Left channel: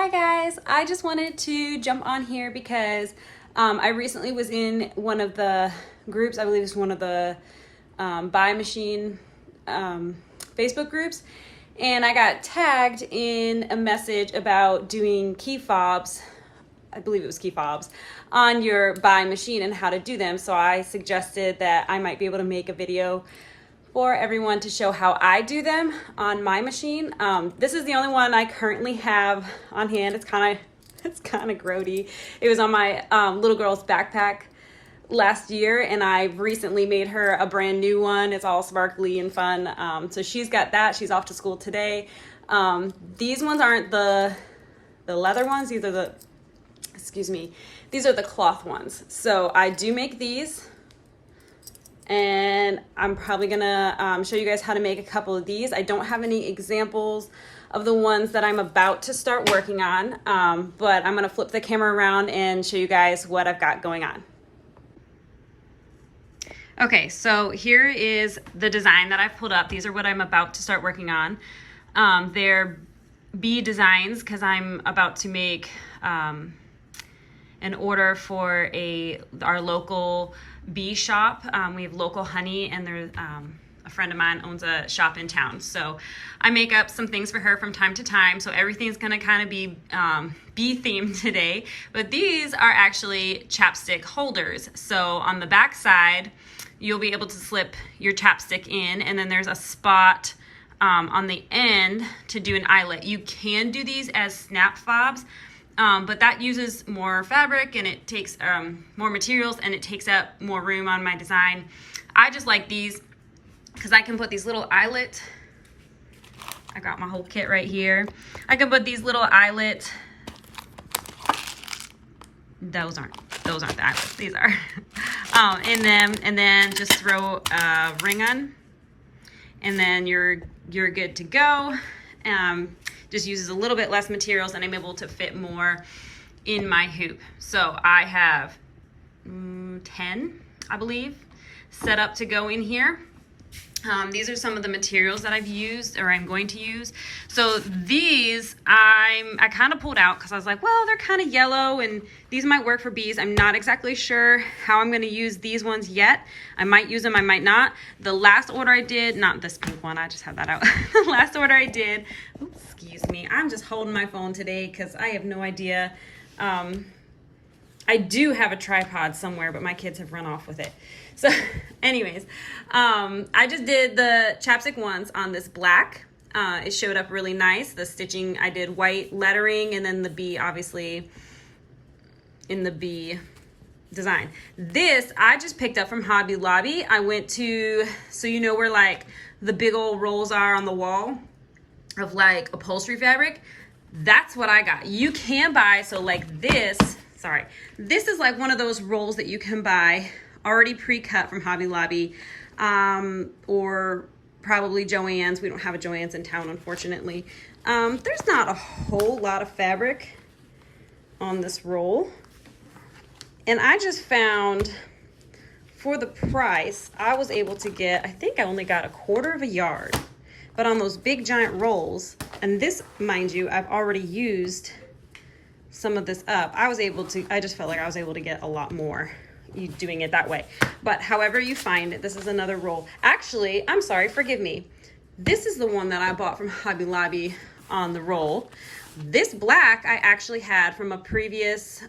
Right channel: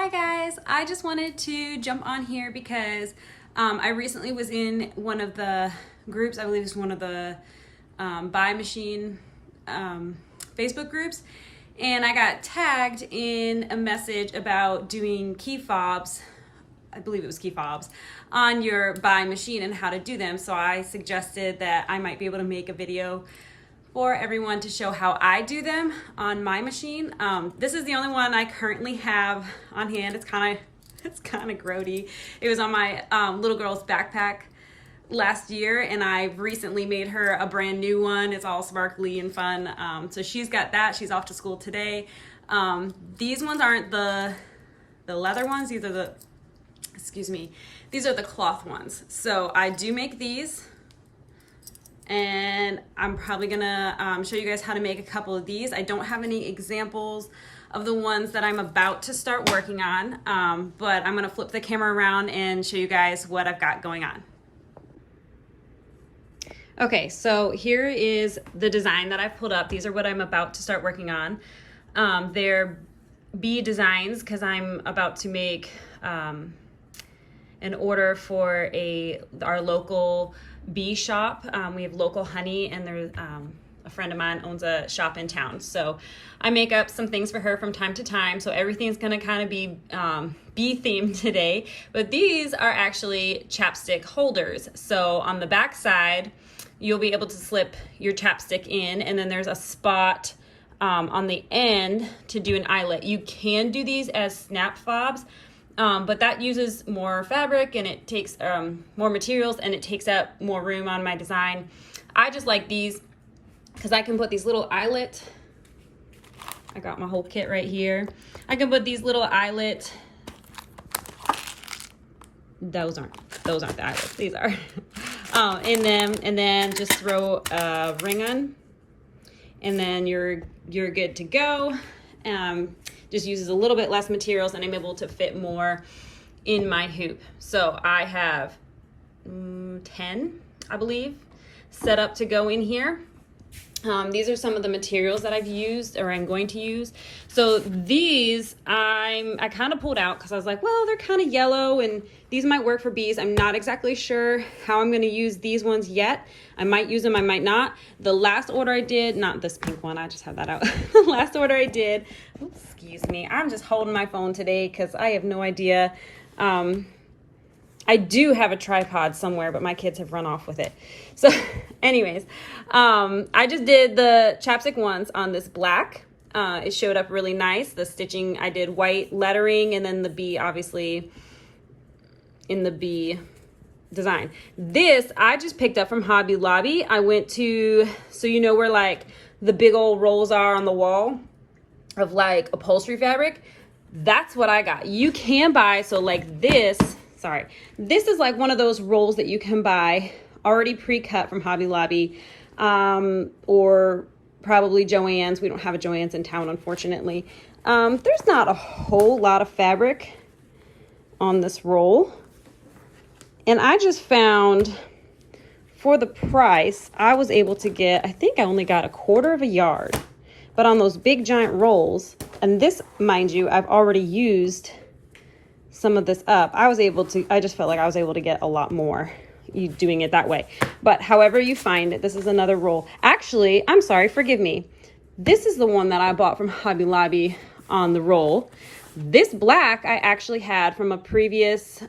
Hi guys, I just wanted to jump on here because I recently was in one of the groups, I believe it's one of the buy machine Facebook groups, and I got tagged in a message about doing key fobs, I believe it was key fobs, on your buy machine and how to do them. So I suggested that I might be able to make a video for everyone to show how I do them on my machine. This is the only one I currently have on hand. It's kind of grody. It was on my little girl's backpack last year, and I recently made her a brand new one. It's all sparkly and fun. So she's got that. She's off to school today. These ones aren't the leather ones. These are the, excuse me, these are the cloth ones. So I do make these, and I'm probably gonna show you guys how to make a couple of these. I don't have any examples of the ones that I'm about to start working on, but I'm gonna flip the camera around and show you guys what I've got going on. Okay, so here is the design that I've pulled up. These are what I'm about to start working on. They're bee designs because I'm about to make an order for our local bee shop. We have local honey, and there's a friend of mine owns a shop in town. So I make up some things for her from time to time. So everything's gonna kind of be bee themed today. But these are actually chapstick holders. So on the back side, you'll be able to slip your chapstick in, and then there's a spot on the end to do an eyelet. You can do these as snap fobs, but that uses more fabric, and it takes more materials, and it takes up more room on my design. I just like these because I can put these little eyelet, I got my whole kit right here. I can put these little eyelet, those aren't the eyelets, these are, in them, and then just throw a ring on, and then you're good to go. Just uses a little bit less materials, and I'm able to fit more in my hoop. So I have 10, I believe, set up to go in here. These are some of the materials that I've used, or I'm going to use. So these I kind of pulled out because I was like, well, they're kind of yellow and these might work for bees. I'm not exactly sure how I'm going to use these ones yet. I might use them, I might not. The last order I did, not this pink one, I just have that out. The last order I did, oops, excuse me, I'm just holding my phone today because I have no idea. I do have a tripod somewhere, but my kids have run off with it. So anyways, I just did the chapstick ones on this black. It showed up really nice. The stitching, I did white lettering, and then the bee, obviously, in the bee design. This, I just picked up from Hobby Lobby. I went to, so you know where like the big old rolls are on the wall of like upholstery fabric? That's what I got. You can buy, so like this, sorry, this is like one of those rolls that you can buy already pre-cut from Hobby Lobby, or probably Joann's. We don't have a Joann's in town, unfortunately. There's not a whole lot of fabric on this roll, and I just found, for the price, I was able to get, I think I only got 1/4 yard, but on those big giant rolls, and this, mind you, I've already used some of this up. I just felt like I was able to get a lot more doing it that way. But however you find it, this is another roll. Actually, I'm sorry, forgive me. This is the one that I bought from Hobby Lobby on the roll. This black I actually had from a previous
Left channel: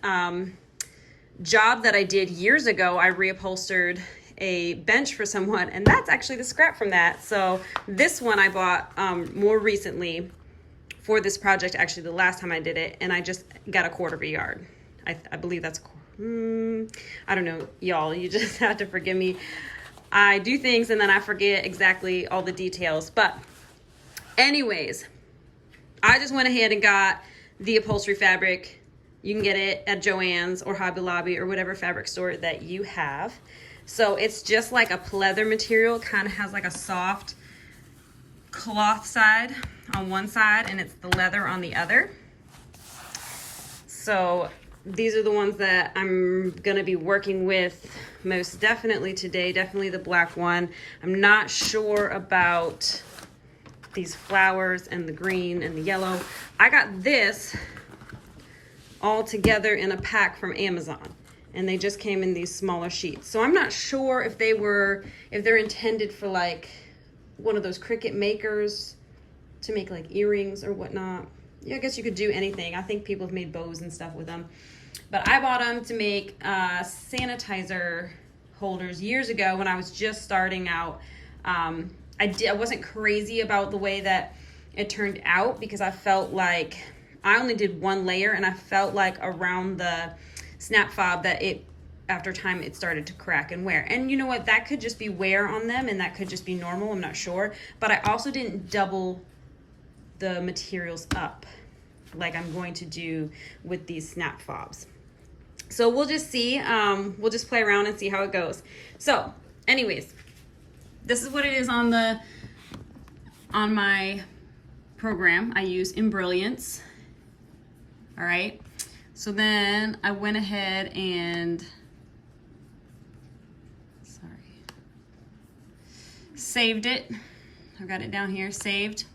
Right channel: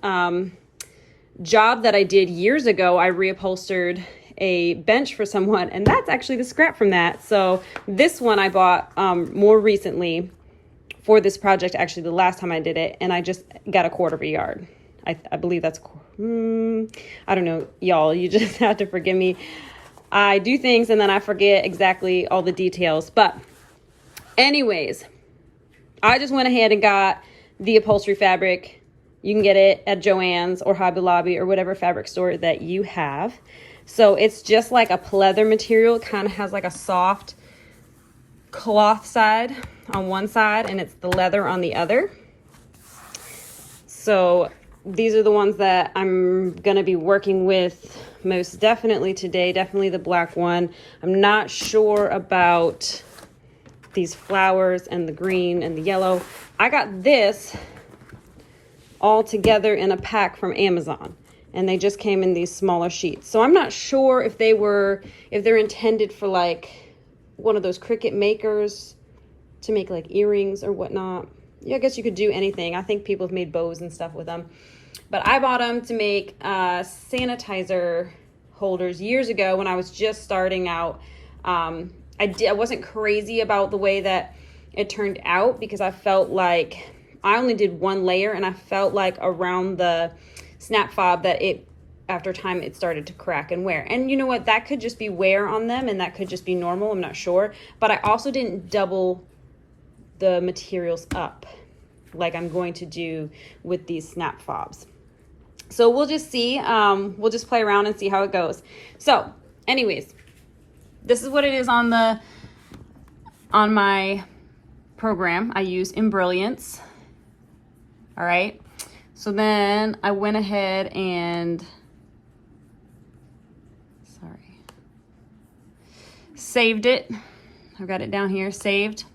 job that I did years ago. I reupholstered a bench for someone, and that's actually the scrap from that. So this one I bought more recently for this project, actually the last time I did it, and I just got 1/4 yard. I believe that's, I don't know, y'all, you just have to forgive me. I do things and then I forget exactly all the details. But anyways, I just went ahead and got the upholstery fabric. You can get it at Joann's or Hobby Lobby or whatever fabric store that you have. So it's just like a pleather material. It kind of has like a soft cloth side on one side, and it's the leather on the other. So these are the ones that I'm gonna be working with most definitely today. Definitely the black one. I'm not sure about these flowers and the green and the yellow. I got this all together in a pack from Amazon. And they just came in these smaller sheets. So I'm not sure if they're intended for like one of those Cricut makers to make like earrings or whatnot. Yeah, I guess you could do anything. I think people have made bows and stuff with them. But I bought them to make sanitizer holders years ago when I was just starting out. I wasn't crazy about the way that it turned out because I felt like I only did one layer, and I felt like around the snap fob that after time it started to crack and wear. And you know what, that could just be wear on them, and that could just be normal, I'm not sure. But I also didn't double the materials up like I'm going to do with these snap fobs. So we'll just see, we'll just play around and see how it goes. So anyways, this is what it is on my program. I use Embrilliance. All right. So then I went ahead and, saved it. I've got it down here, saved.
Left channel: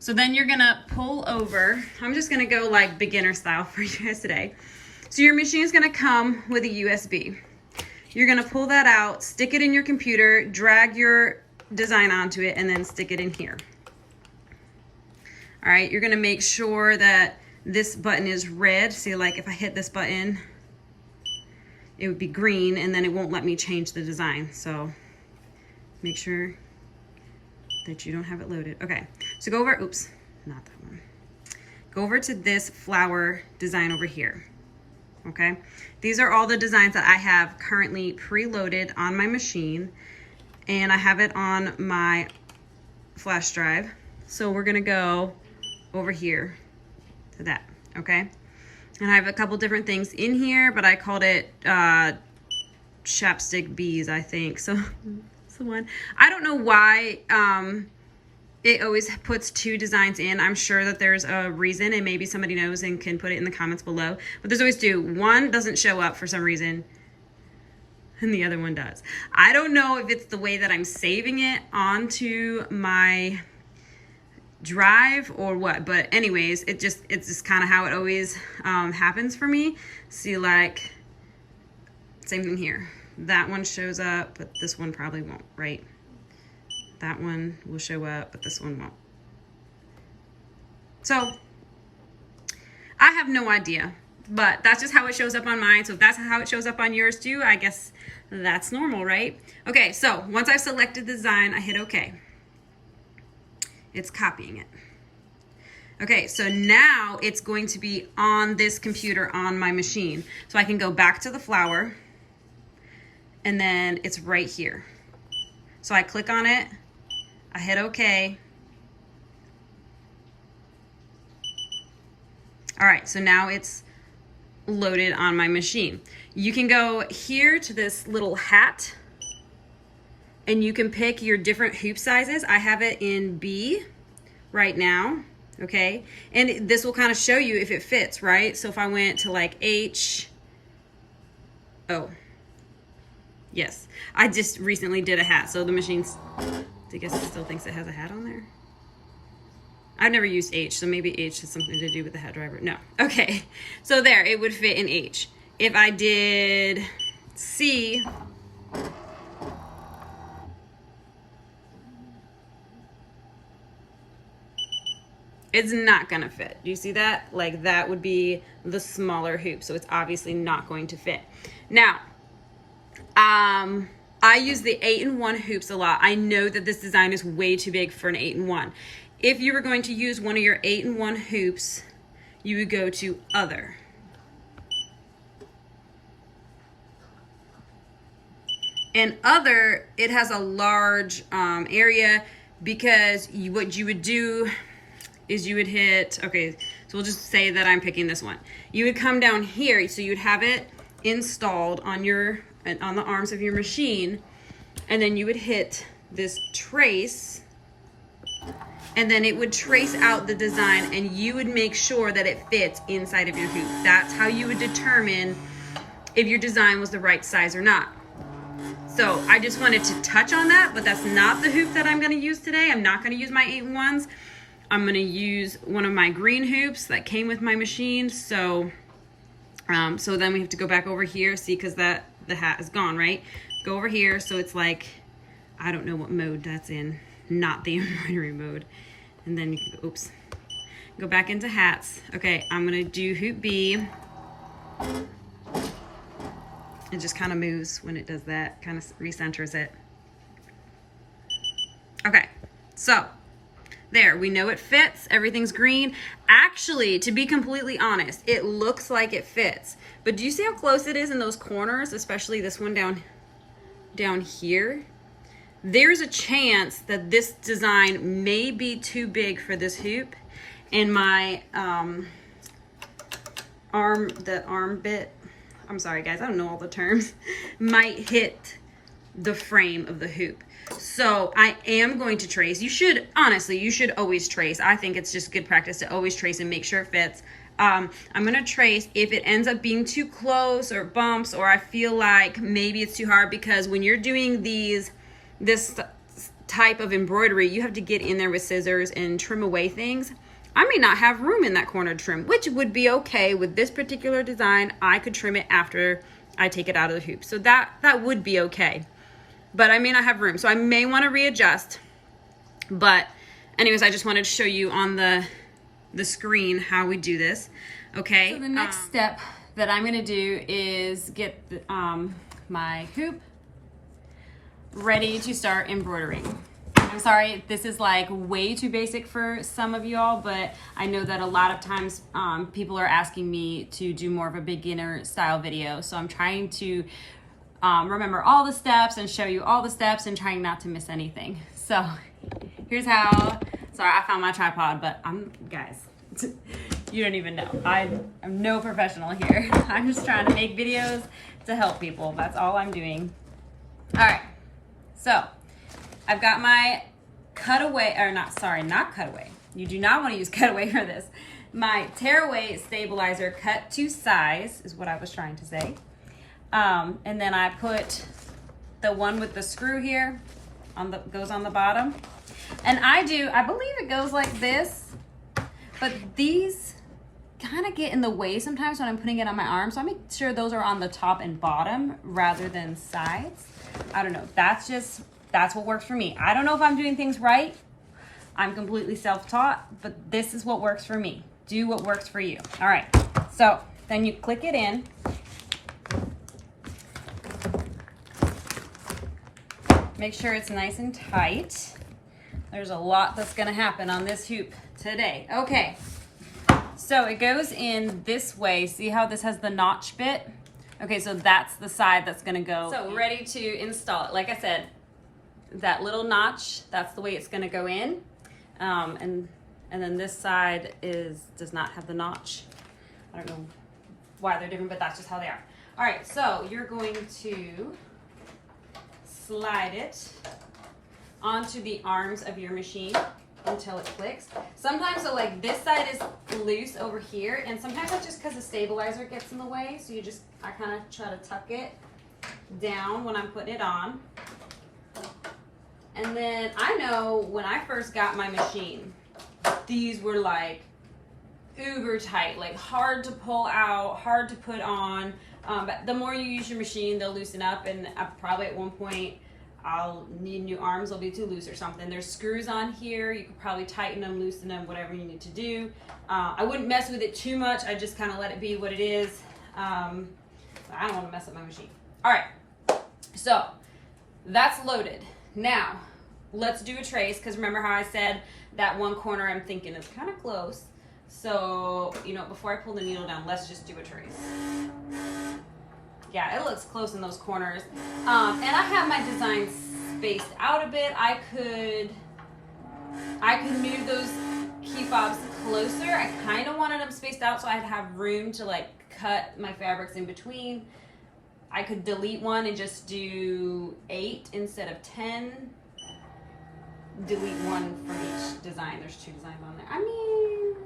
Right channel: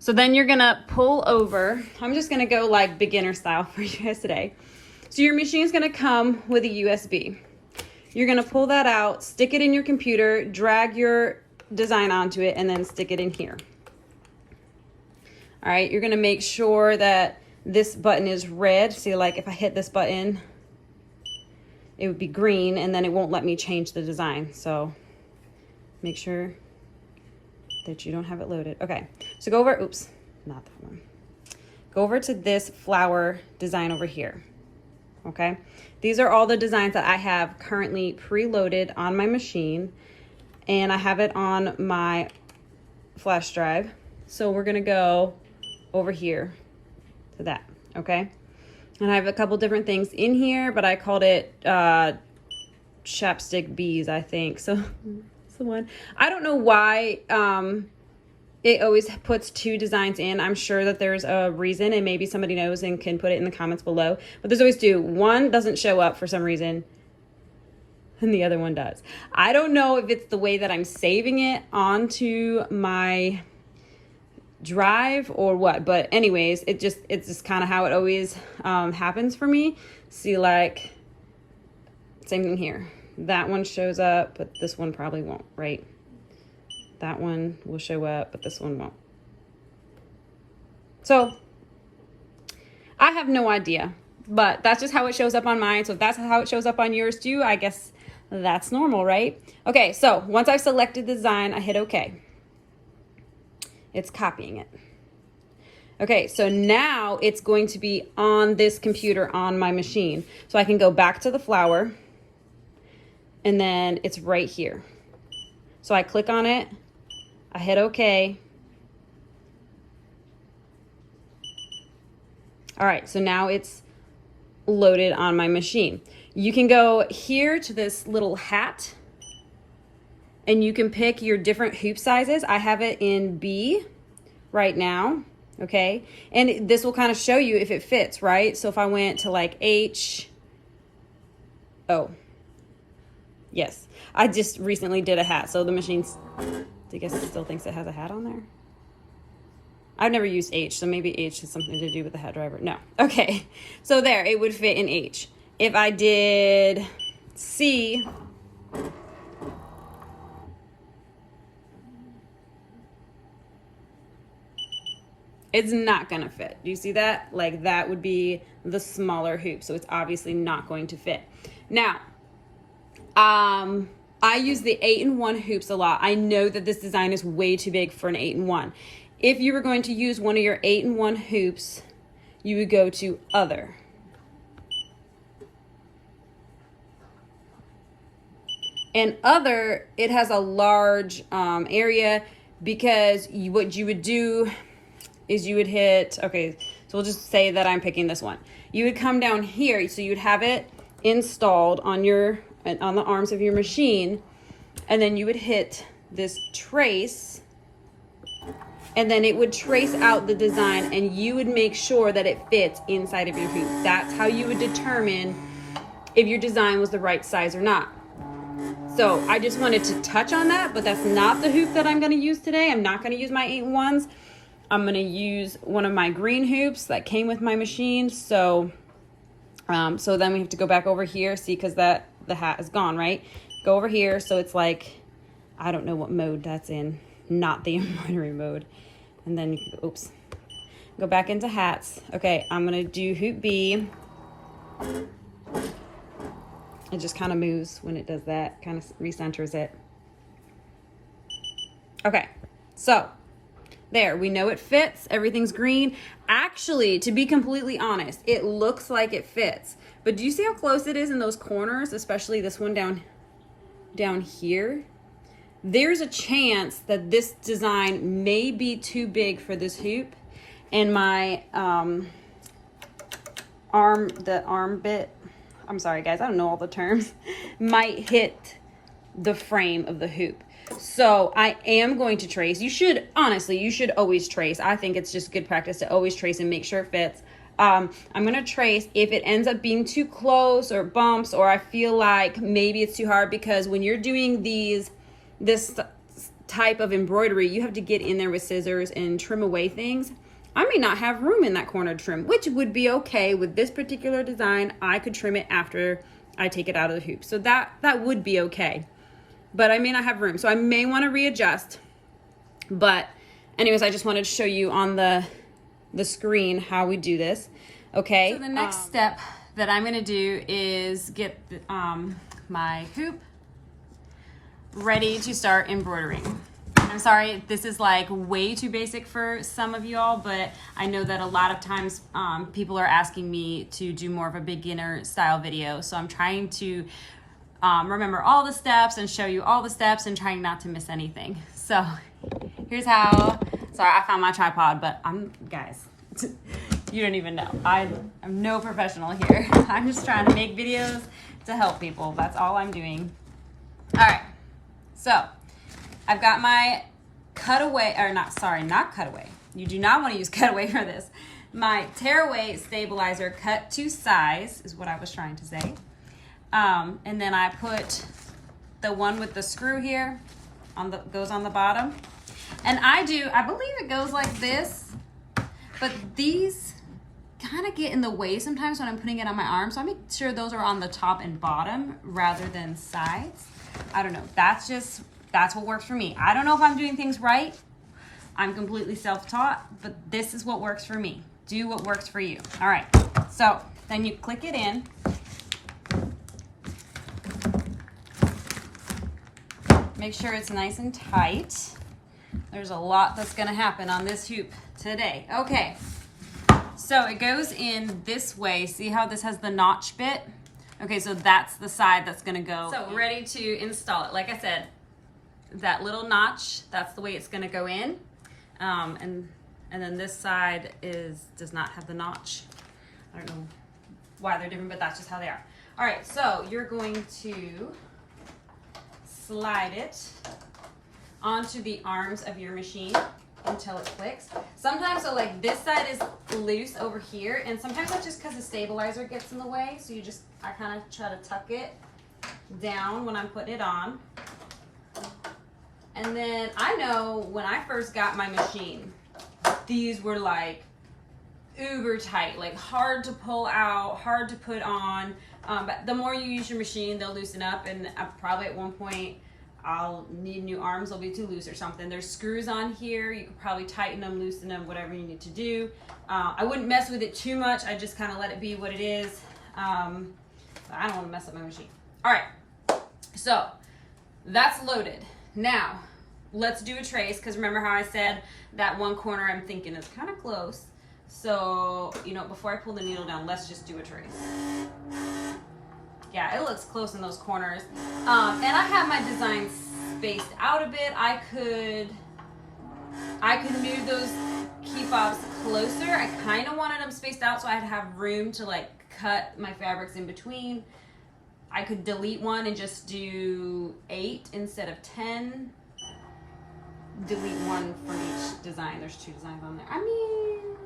So then you're gonna pull over. I'm just gonna go like beginner style for you guys today. So your machine is gonna come with a USB. You're gonna pull that out, stick it in your computer, drag your design onto it, and then stick it in here. All right, you're gonna make sure that this button is red. See, like if I hit this button, it would be green, and then it won't let me change the design. So make sure that you don't have it loaded. Okay, so go over, oops, not that one. Go over to this flower design over here. Okay, these are all the designs that I have currently preloaded on my machine, and I have it on my flash drive. So we're gonna go over here to that, okay? And I have a couple different things in here, but I called it chapstick bees, I think. So that's the one. I don't know why it always puts two designs in. I'm sure that there's a reason, and maybe somebody knows and can put it in the comments below. But there's always two. One doesn't show up for some reason, and the other one does. I don't know if it's the way that I'm saving it onto my drive or what, but anyways, it's just kind of how it always happens for me. See, like, same thing here. That one shows up, but this one probably won't, right? That one will show up, but this one won't. So I have no idea, but that's just how it shows up on mine. So if that's how it shows up on yours too, I guess that's normal, right? Okay, so once I've selected the design, I hit OK. It's copying it. Okay, so now it's going to be on this computer on my machine. So I can go back to the flower, and then it's right here. So I click on it, I hit OK. All right, so now it's loaded on my machine. You can go here to this little hat, and you can pick your different hoop sizes. I have it in B right now, okay? And this will kind of show you if it fits, right? So if I went to like H, oh, yes. I just recently did a hat, so the machine's, I guess it still thinks it has a hat on there. I've never used H, so maybe H has something to do with the hat driver. No, okay. So there, it would fit in H. If I did C, it's not gonna fit. Do you see that? Like, that would be the smaller hoop, so it's obviously not going to fit. Now, I use the 8-in-1 hoops a lot. I know that this design is way too big for an 8-in-1. If you were going to use one of your 8-in-1 hoops, you would go to Other. And Other, it has a large area, because what you would do is you would hit, okay, so we'll just say that I'm picking this one. You would come down here, so you'd have it installed on the arms of your machine, and then you would hit this trace, and then it would trace out the design, and you would make sure that it fits inside of your hoop. That's how you would determine if your design was the right size or not. So I just wanted to touch on that, but that's not the hoop that I'm gonna use today. I'm not gonna use my 8-in-1s. I'm gonna use one of my green hoops that came with my machine. So so then we have to go back over here, see, because the hat is gone, right? Go over here, so it's like, I don't know what mode that's in, not the embroidery mode. And then you can, oops, go back into hats. Okay, I'm gonna do hoop B. It just kind of moves when it does that, kind of recenters it. Okay, so there, we know it fits, everything's green. Actually, to be completely honest, it looks like it fits. But do you see how close it is in those corners, especially this one down here? There's a chance that this design may be too big for this hoop, and my arm bit, I'm sorry guys, I don't know all the terms, might hit the frame of the hoop. So I am going to trace. You should, honestly, you should always trace. I think it's just good practice to always trace and make sure it fits. I'm gonna trace. If it ends up being too close or bumps, or I feel like maybe it's too hard, because when you're doing this type of embroidery, you have to get in there with scissors and trim away things. I may not have room in that corner to trim, which would be okay with this particular design. I could trim it after I take it out of the hoop. So that would be okay. But I may not have room, so I may want to readjust. But anyways, I just wanted to show you on the screen how we do this. Okay, so the next step that I'm going to do is get my hoop ready to start embroidering. I'm sorry, this is like way too basic for some of you all, but I know that a lot of times people are asking me to do more of a beginner style video. So I'm trying to remember all the steps and show you all the steps and trying not to miss anything. So here's how, sorry, I found my tripod, but guys, you don't even know. I'm no professional here. I'm just trying to make videos to help people. That's all I'm doing. All right, so I've got my cutaway, or not cutaway. You do not want to use cutaway for this. My tearaway stabilizer cut to size is what I was trying to say. And then I put the one with the screw here goes on the bottom. And I believe it goes like this, but these kind of get in the way sometimes when I'm putting it on my arm. So I make sure those are on the top and bottom rather than sides. I don't know. That's what works for me. I don't know if I'm doing things right. I'm completely self-taught, but this is what works for me. Do what works for you. All right. So then you click it in. Make sure it's nice and tight. There's a lot that's gonna happen on this hoop today. Okay, so it goes in this way. See how this has the notch bit? Okay, so that's the side that's gonna go. So ready to install it. Like I said, that little notch, that's the way it's gonna go in. And then this side does not have the notch. I don't know why they're different, but that's just how they are. All right, so you're going to slide it onto the arms of your machine until it clicks. Sometimes, so like this side is loose over here, and sometimes that's just because the stabilizer gets in the way. So I kind of try to tuck it down when I'm putting it on. And then I know when I first got my machine, these were like uber tight, like hard to pull out, hard to put on. But the more you use your machine, they'll loosen up, and probably at one point I'll need new arms. They'll be too loose or something. There's screws on here. You could probably tighten them, loosen them, whatever you need to do. I wouldn't mess with it too much. I just kind of let it be what it is. I don't want to mess up my machine. All right, so that's loaded. Now let's do a trace, because remember how I said that one corner I'm thinking is kind of close. So, before I pull the needle down, let's just do a trace. Yeah, it looks close in those corners. And I have my design spaced out a bit. I could move those key fobs closer. I kind of wanted them spaced out so I'd have room to like cut my fabrics in between. I could delete one and just do 8 instead of 10. Delete one from each design. There's 2 designs on there. I mean,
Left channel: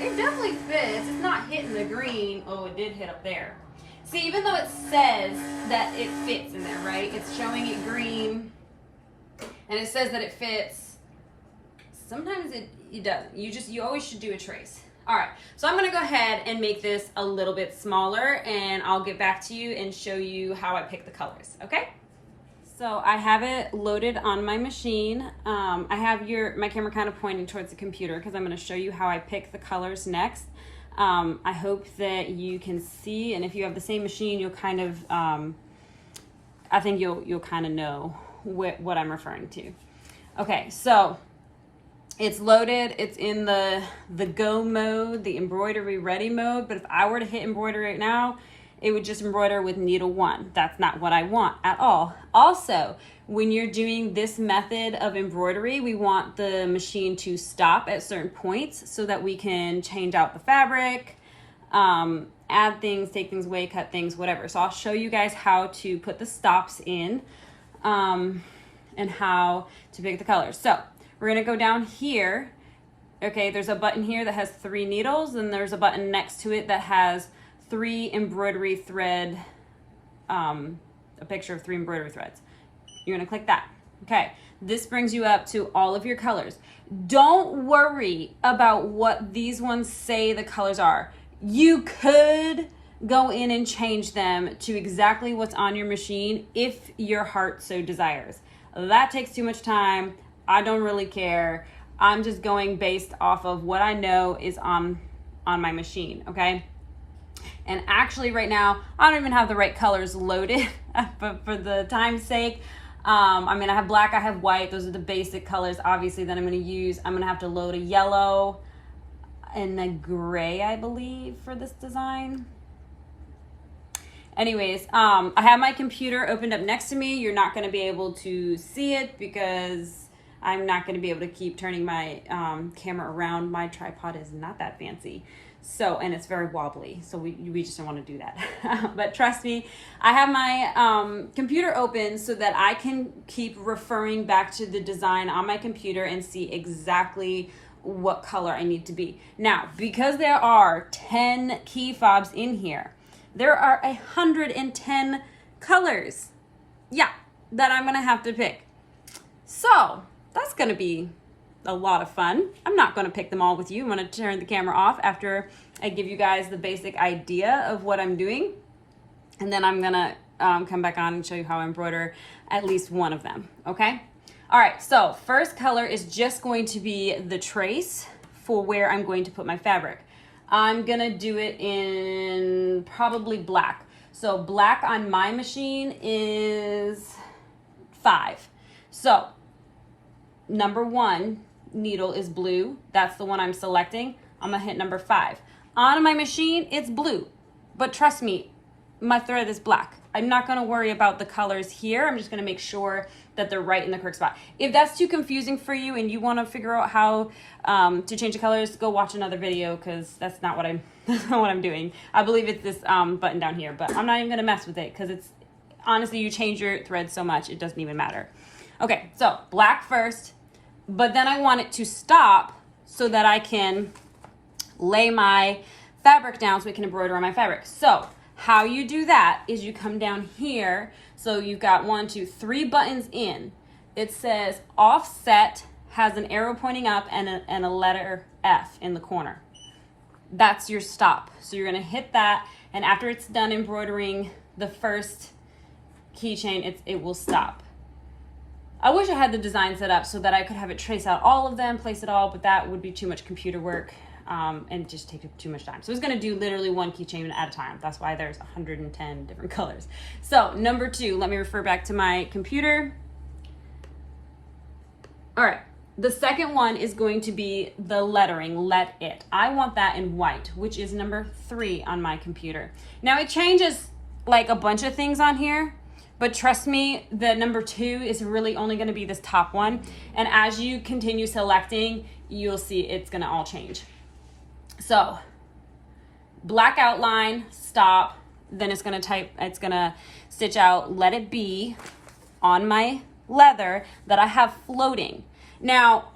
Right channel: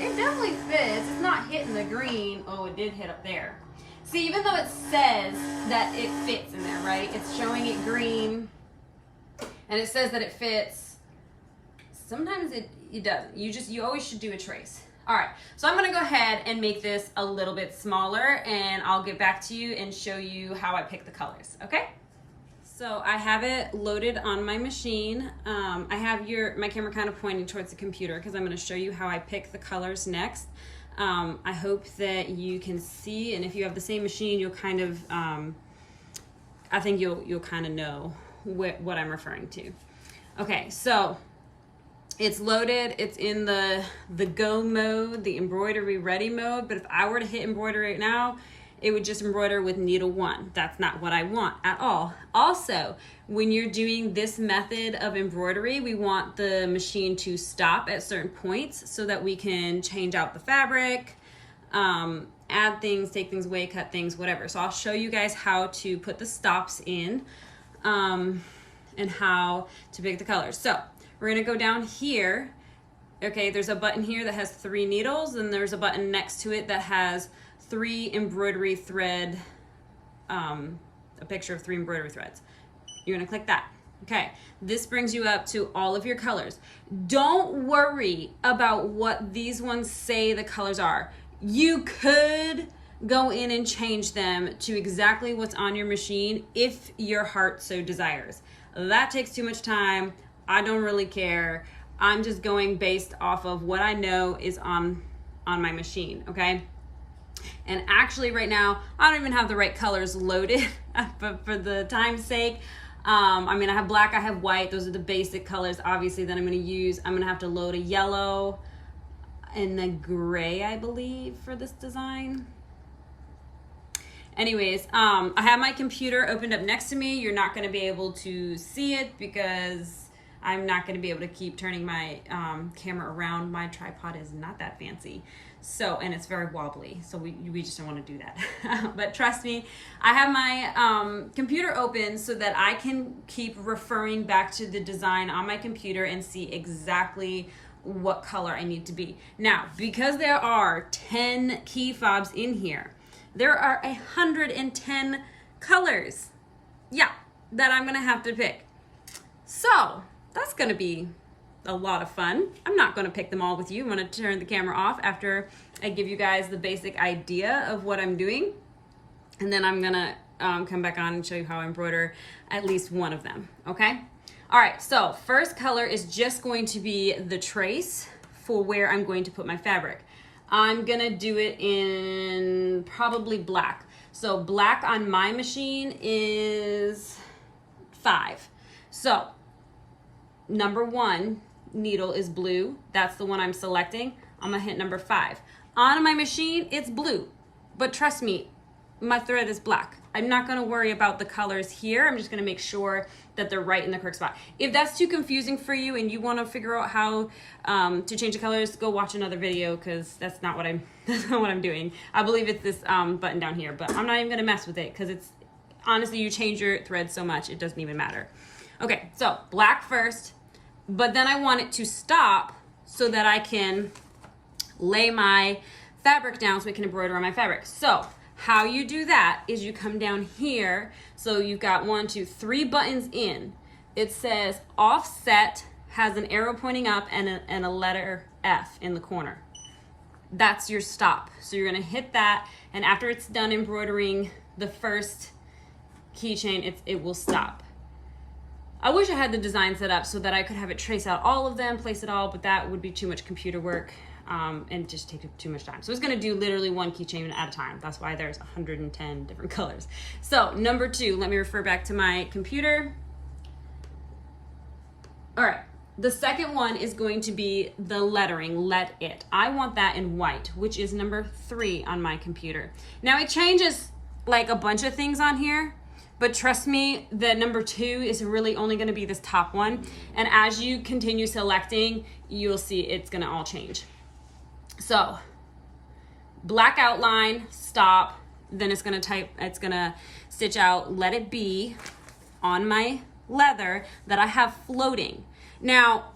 it definitely fits. It's not hitting the green. Oh, it did hit up there. See, even though it says that it fits in there, right? It's showing it green, and it says that it fits. Sometimes it doesn't. You always should do a trace. All right, so I'm gonna go ahead and make this a little bit smaller, and I'll get back to you and show you how I pick the colors, okay? So I have it loaded on my machine. I have my camera kind of pointing towards the computer because I'm gonna show you how I pick the colors next. I hope that you can see, and if you have the same machine, you'll kind of, I think you'll kind of know what I'm referring to. Okay, so it's loaded, it's in the go mode, the embroidery ready mode, but if I were to hit embroidery right now, it would just embroider with needle 1. That's not what I want at all. Also, when you're doing this method of embroidery, we want the machine to stop at certain points so that we can change out the fabric, add things, take things away, cut things, whatever. So I'll show you guys how to put the stops in and how to pick the colors. So we're gonna go down here. Okay, there's a button here that has 3 needles, and there's a button next to it that has 3 embroidery thread, a picture of 3 embroidery threads. You're gonna click that. Okay, this brings you up to all of your colors. Don't worry about what these ones say the colors are. You could go in and change them to exactly what's on your machine if your heart so desires. That takes too much time. I don't really care. I'm just going based off of what I know is on my machine, okay? And actually right now, I don't even have the right colors loaded, but for the time's sake, I mean, I have black, I have white. Those are the basic colors, obviously, that I'm gonna use. I'm gonna have to load a yellow and a gray, I believe, for this design. Anyways, I have my computer opened up next to me. You're not gonna be able to see it because I'm not gonna be able to keep turning my camera around. My tripod is not that fancy. So, and it's very wobbly, so we just don't want to do that. But trust me, I have my computer open so that I can keep referring back to the design on my computer and see exactly what color I need to be. Now, because there are 10 key fobs in here, there are 110 colors, yeah, that I'm gonna have to pick. So, that's gonna be a lot of fun. I'm not going to pick them all with you. I'm going to turn the camera off after I give you guys the basic idea of what I'm doing. And then I'm going to come back on and show you how I embroider at least one of them. Okay. All right. So first color is just going to be the trace for where I'm going to put my fabric. I'm going to do it in probably black. So black on my machine is 5. So number 1 needle is blue. That's the one I'm selecting. I'm gonna hit number 5. On my machine, it's blue, but trust me, my thread is black. I'm not gonna worry about the colors here. I'm just gonna make sure that they're right in the correct spot. If that's too confusing for you and you wanna figure out how to change the colors, go watch another video because that's not what I'm doing. I believe it's this button down here, but I'm not even gonna mess with it because it's, honestly, you change your thread so much, it doesn't even matter. Okay, so black first. But then I want it to stop so that I can lay my fabric down so we can embroider on my fabric. So how you do that is you come down here. So you've got 1, 2, 3 buttons in. It says offset, has an arrow pointing up and a letter F in the corner. That's your stop. So you're gonna hit that, and after it's done embroidering the first keychain, it will stop. I wish I had the design set up so that I could have it trace out all of them, place it all, but that would be too much computer work and just take too much time. So it's gonna do literally 1 keychain at a time. That's why there's 110 different colors. So number 2, let me refer back to my computer. All right, the second one is going to be the lettering, let it. I want that in white, which is number 3 on my computer. Now it changes like a bunch of things on here, but trust me, the number 2 is really only gonna be this top one. And as you continue selecting, you'll see it's gonna all change. So, black outline, stop, then it's gonna stitch out, let it be on my leather that I have floating. Now,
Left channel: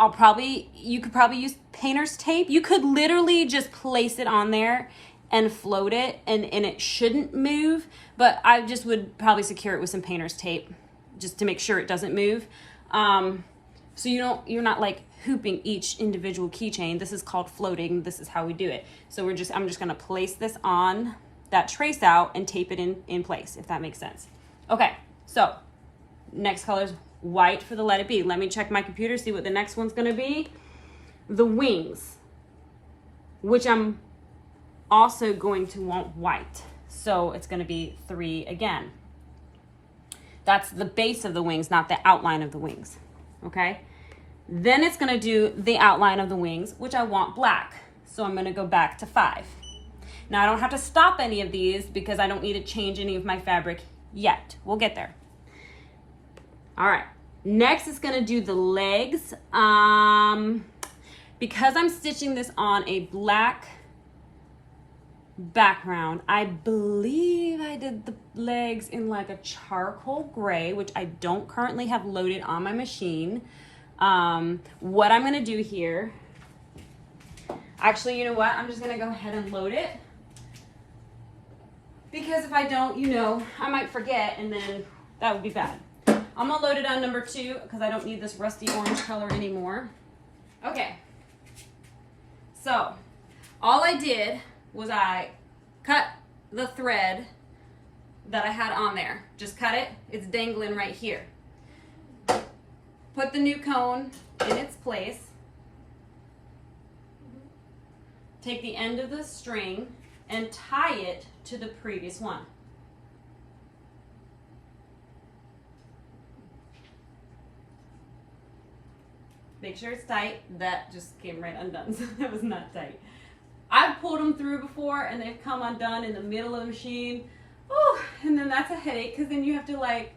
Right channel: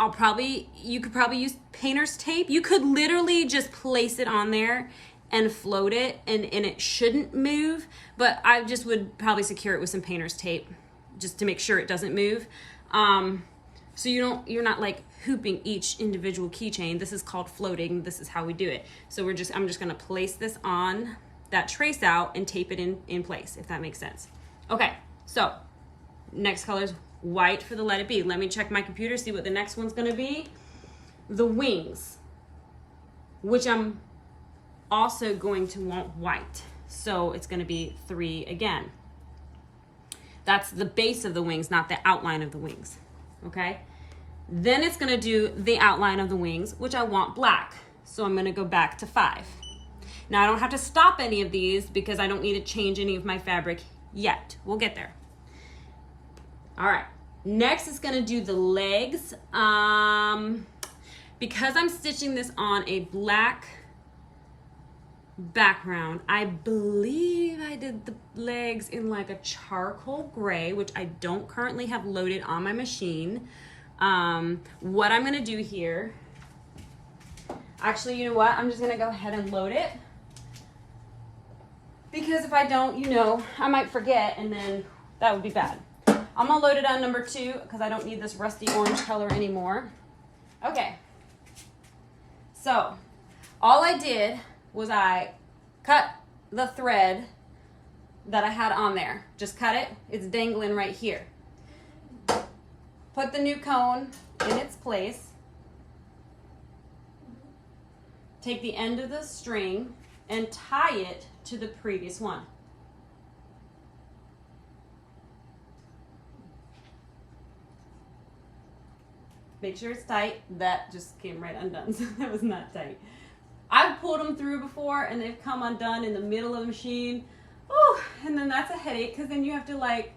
you could probably use painter's tape. You could literally just place it on there and float it, and it shouldn't move, but I just would probably secure it with some painter's tape just to make sure it doesn't move. So you're not like hooping each individual keychain. This is called floating. This is how we do it. So I'm just gonna place this on that trace out and tape it in place, if that makes sense. Okay, so next color is white for the let it be. Let me check my computer, see what the next one's gonna be. The wings, which I'm also going to want white. So it's gonna be 3 again. That's the base of the wings, not the outline of the wings, okay? Then it's gonna do the outline of the wings, which I want black. So I'm gonna go back to 5. Now I don't have to stop any of these because I don't need to change any of my fabric yet. We'll get there. All right, next is gonna do the legs. Because I'm stitching this on a black background, I believe I did the legs in like a charcoal gray, which I don't currently have loaded on my machine. What I'm gonna do here, actually, you know what? I'm just gonna go ahead and load it, because if I don't, you know, I might forget and then that would be bad. I'm gonna load it on number 2 because I don't need this rusty orange color anymore. Okay, so all I did was I cut the thread that I had on there. Just cut it, it's dangling right here. Put the new cone in its place. Take the end of the string and tie it to the previous one. Make sure it's tight. That just came right undone, so that was not tight. I've pulled them through before and they've come undone in the middle of the machine. Oh, and then that's a headache because then you have to like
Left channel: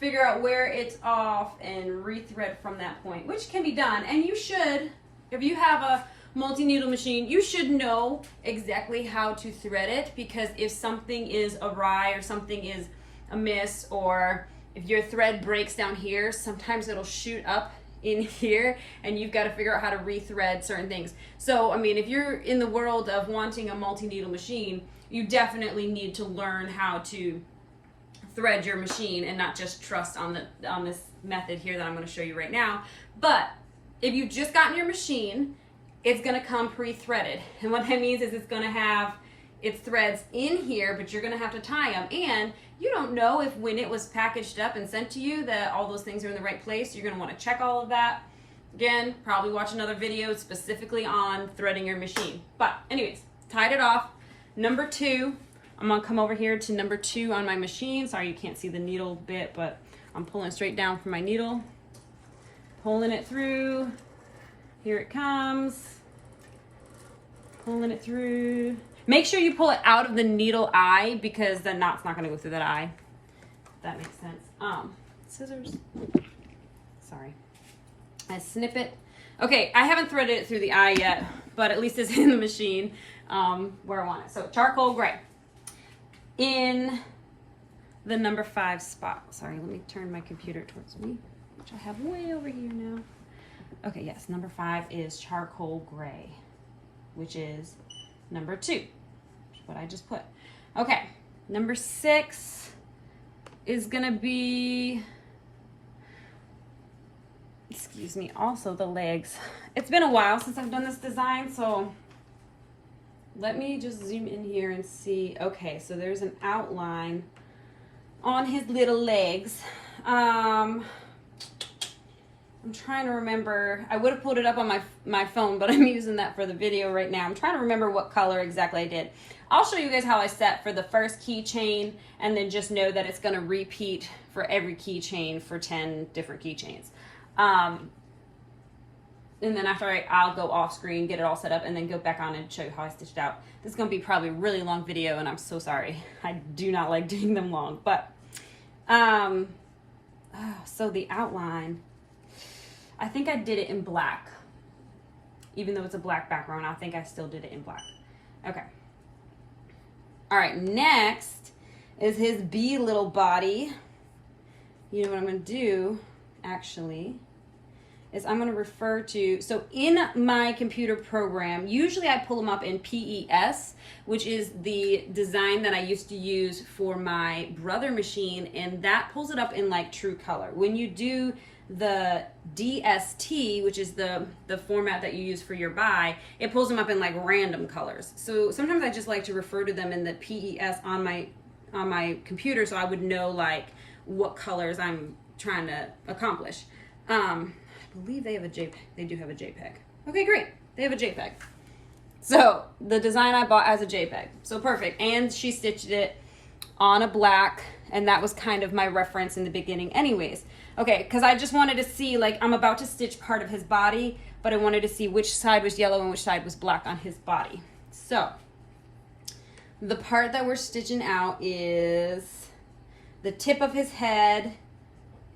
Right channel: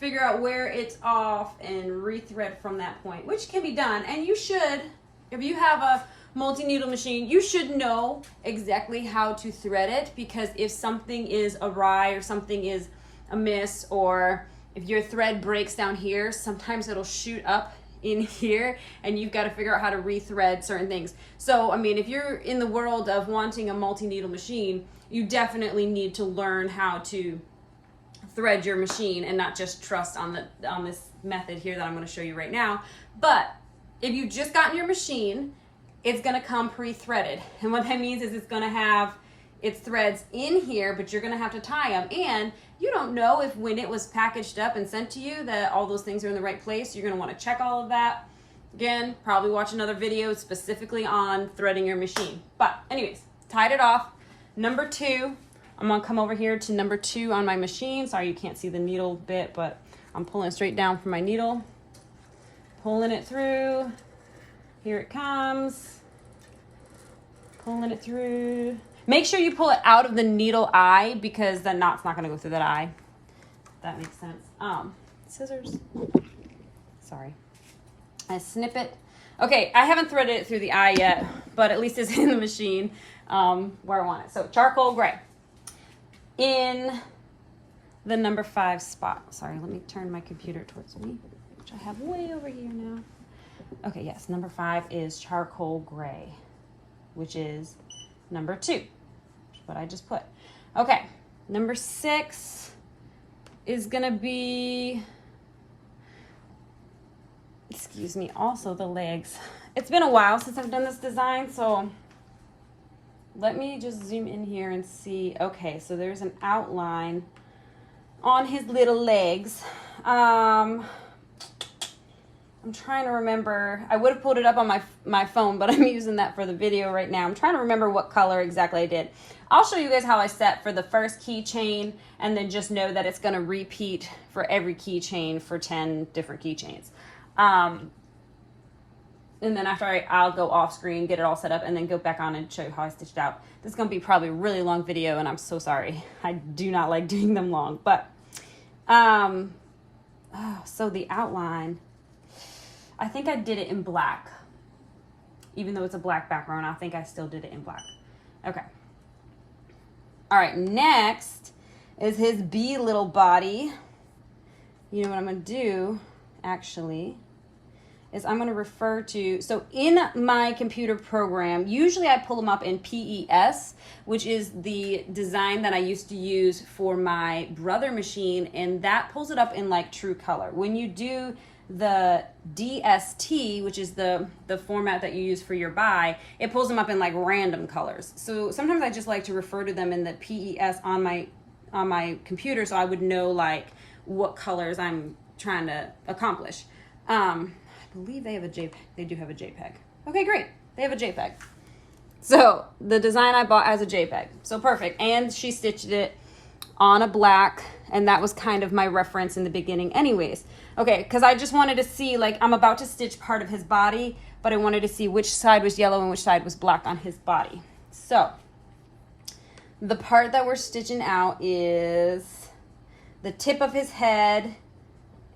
figure out where it's off and rethread from that point, which can be done. And you should, if you have a multi-needle machine, you should know exactly how to thread it, because if something is awry or something is amiss, or if your thread breaks down here, sometimes it'll shoot up in here and you've got to figure out how to rethread certain things. So, I mean, if you're in the world of wanting a multi-needle machine, you definitely need to learn how to thread your machine and not just trust on this method here that I'm going to show you right now. But if you've just gotten your machine, it's going to come pre-threaded. And what that means is it's going to have its threads in here, but you're going to have to tie them. And you don't know if when it was packaged up and sent to you that all those things are in the right place. You're going to want to check all of that. Again, probably watch another video specifically on threading your machine. But anyways, tied it off. Number 2, I'm going to come over here to number 2 on my machine. Sorry you can't see the needle bit, but I'm pulling straight down from my needle. Pulling it through. Here it comes. Pulling it through. Make sure you pull it out of the needle eye because the knot's not going to go through that eye. If that makes sense. Scissors. Sorry. I snip it. Okay, I haven't threaded it through the eye yet, but at least it's in the machine where I want it. So charcoal gray. In the number 5 spot. Sorry, let me turn my computer towards me, which I have way over here now. Okay, yes, number 5 is charcoal gray, which is number 2, what I just put. Okay, number 6 is gonna be, excuse me, also the legs. It's been a while since I've done this design, so let me just zoom in here and see. Okay, so there's an outline on his little legs. I'm trying to remember. I would have pulled it up on my phone, but I'm using that for the video right now. I'm trying to remember what color exactly I did. I'll show you guys how I set for the first keychain, and then just know that it's going to repeat for every keychain for 10 different keychains. And then after I'll go off screen, get it all set up, and then go back on and show you how I stitched out. This is going to be probably a really long video, and I'm so sorry. I do not like doing them long. But, so the outline, I think I did it in black. Even though it's a black background, I think I still did it in black. Okay. All right, next is his bee little body. You know what I'm going to do, actually, is I'm going to refer to, so in my computer program, usually I pull them up in PES, which is the design that I used to use for my brother machine, and that pulls it up in like true color. When you do the DST, which is the format that you use for your buy, it pulls them up in like random colors. So sometimes I just like to refer to them in the PES on my computer, so I would know like what colors I'm trying to accomplish. I believe they have a JPEG. They do have a JPEG. Okay, great. They have a JPEG. So the design I bought has a JPEG. So perfect. And she stitched it on a black, and that was kind of my reference in the beginning anyways. Okay, because I just wanted to see, like, I'm about to stitch part of his body, but I wanted to see which side was yellow and which side was black on his body. So the part that we're stitching out is the tip of his head,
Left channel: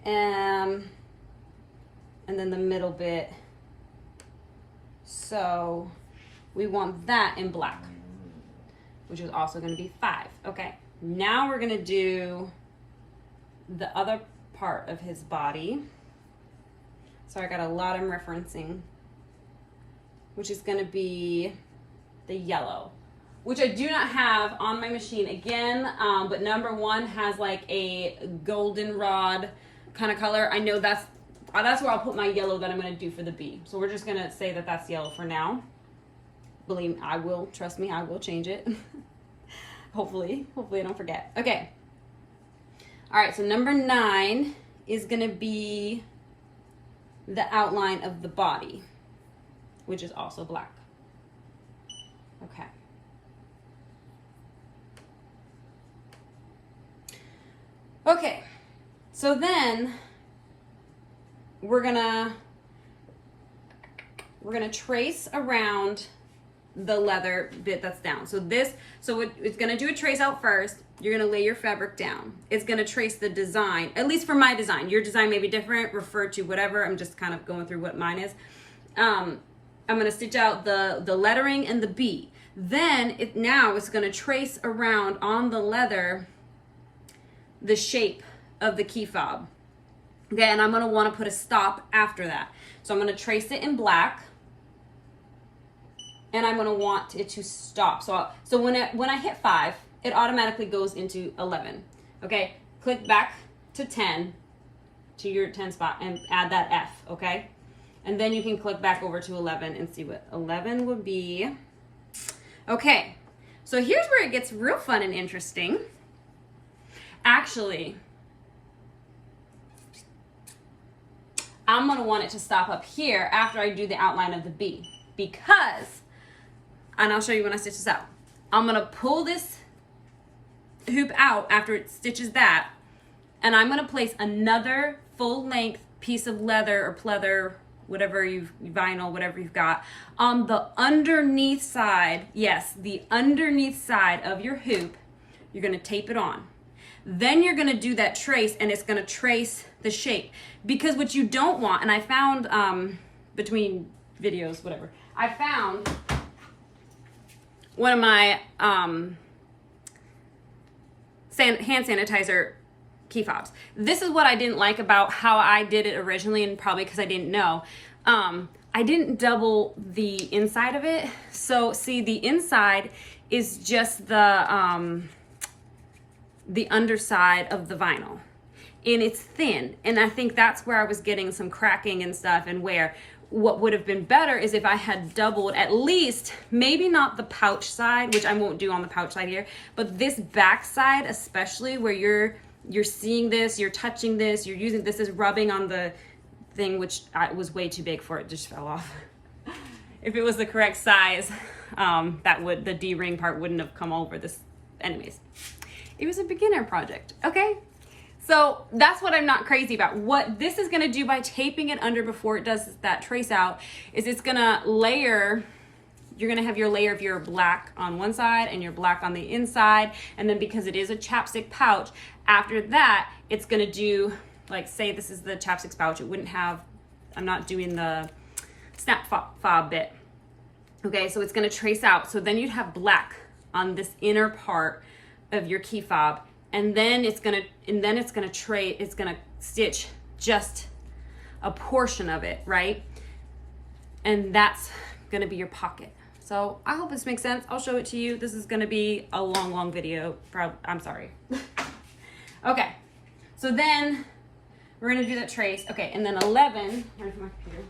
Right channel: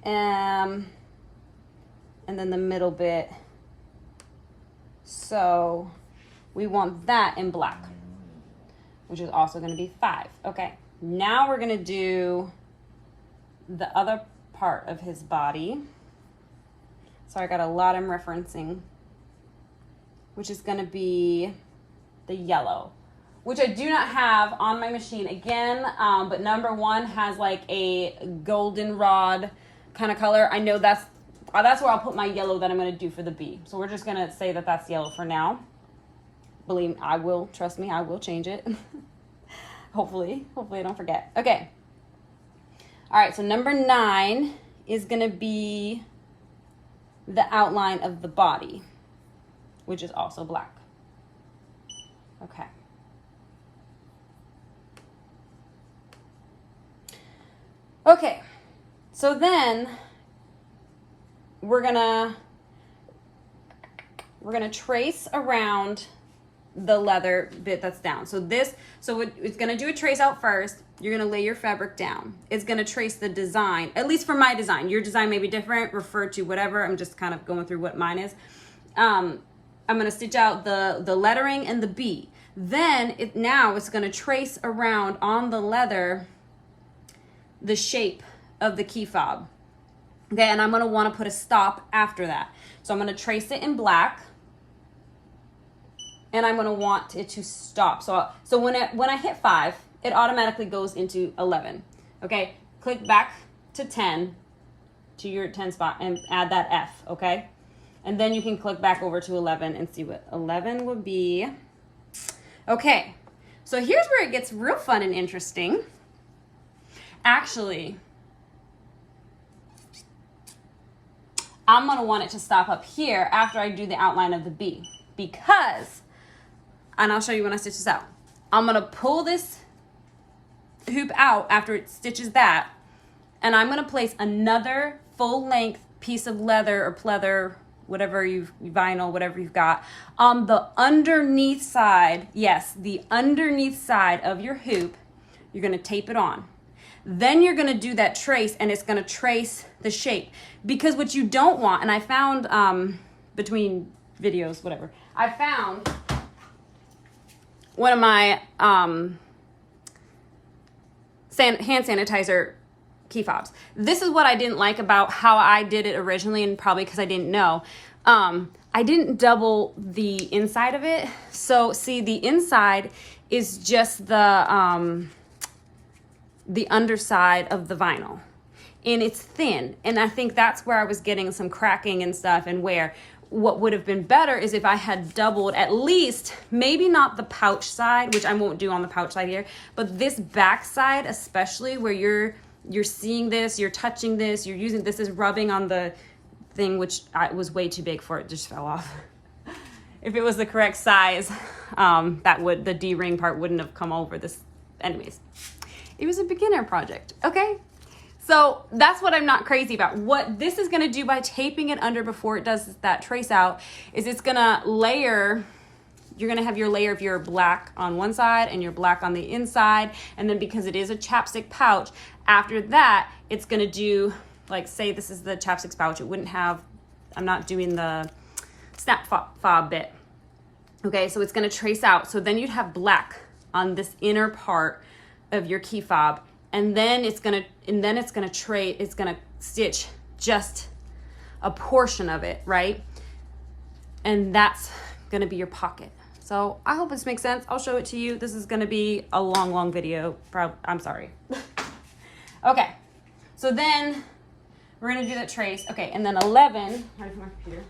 and then the middle bit. So we want that in black, which is also going to be 5. Okay, now we're going to do the other part of his body. So I got a lot I'm referencing, which is going to be the yellow, which I do not have on my machine again, but number 1 has like a goldenrod kind of color. I know that's where I'll put my yellow that I'm going to do for the bee. So we're just going to say that that's yellow for now. Believe me, I will. Trust me, I will change it. Hopefully I don't forget. Okay. All right, so number 9 is going to be the outline of the body, which is also black. Okay. Okay, so then we're gonna trace around the leather bit that's down. So it's gonna do a trace out first. You're gonna lay your fabric down. It's gonna trace the design, at least for my design. Your design may be different, refer to whatever. I'm just kind of going through what mine is. I'm gonna stitch out the lettering and the bee. Then it's gonna trace around on the leather the shape of the key fob. Okay, and I'm gonna wanna put a stop after that. So I'm gonna trace it in black, and I'm gonna want it to stop. So when I hit 5, it automatically goes into 11. Okay, click back to 10, to your 10 spot, and add that F, okay? And then you can click back over to 11 and see what 11 would be. Okay, so here's where it gets real fun and interesting. Actually, I'm gonna want it to stop up here after I do the outline of the bee, because, and I'll show you when I stitch this out, I'm gonna pull this hoop out after it stitches that, and I'm gonna place another full length piece of leather or pleather, whatever vinyl, whatever you've got, on the underneath side. Yes, the underneath side of your hoop. You're gonna tape it on. Then you're gonna do that trace, and it's gonna trace the shape. Because what you don't want, and I found between videos, whatever, I found one of my hand sanitizer key fobs. This is what I didn't like about how I did it originally, and probably because I didn't know. I didn't double the inside of it. So see, the inside is just the underside of the vinyl, and it's thin, and I think that's where I was getting some cracking and stuff, and where what would have been better is if I had doubled at least, maybe not the pouch side, which I won't do on the pouch side here, but this back side, especially where you're seeing this, you're touching this, you're using this is rubbing on the thing, which was way too big for it, just fell off. If it was the correct size, the D-ring part wouldn't have come over this. Anyways, it was a beginner project, okay? So that's what I'm not crazy about. What this is gonna do by taping it under before it does that trace out is it's gonna layer, you're gonna have your layer of your black on one side and your black on the inside, and then because it is a chapstick pouch, after that, it's gonna do, like, say this is the chapstick pouch, it wouldn't have, I'm not doing the snap fob bit. Okay, so it's gonna trace out. So then you'd have black on this inner part of your key fob, and then it's gonna stitch just a portion of it, right? And that's gonna be your pocket. So I hope this makes sense. I'll show it to you. This is gonna be a long video. I'm sorry. Okay, so then we're gonna do that trace. Okay, and then 11, where's my computer?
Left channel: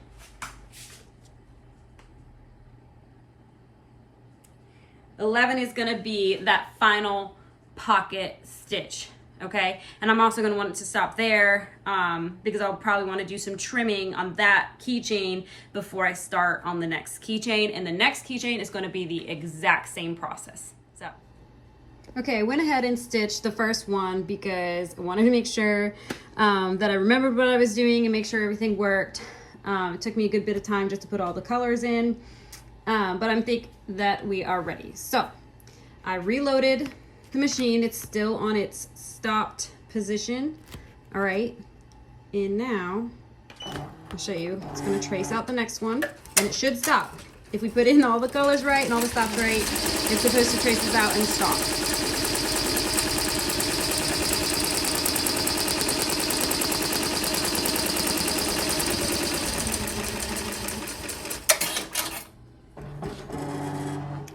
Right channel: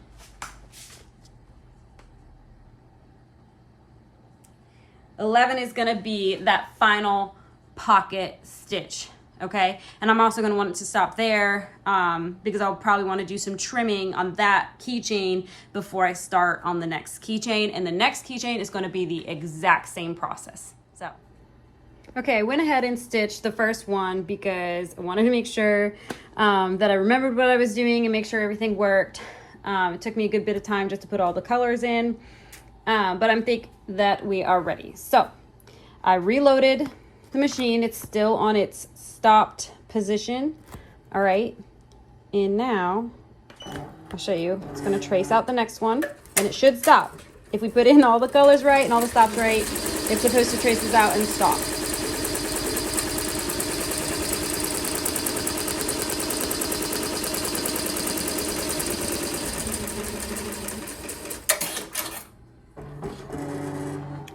11 is gonna be that final pocket stitch, okay? And I'm also gonna want it to stop there because I'll probably wanna do some trimming on that keychain before I start on the next keychain. And the next keychain is gonna be the exact same process, so. Okay, I went ahead and stitched the first one because I wanted to make sure that I remembered what I was doing and make sure everything worked. It took me a good bit of time just to put all the colors in, but I think that we are ready. So I reloaded the machine. It's still on its stopped position. All right, and now I'll show you. It's gonna trace out the next one and it should stop. If we put in all the colors right and all the stops right, it's supposed to trace this out and stop.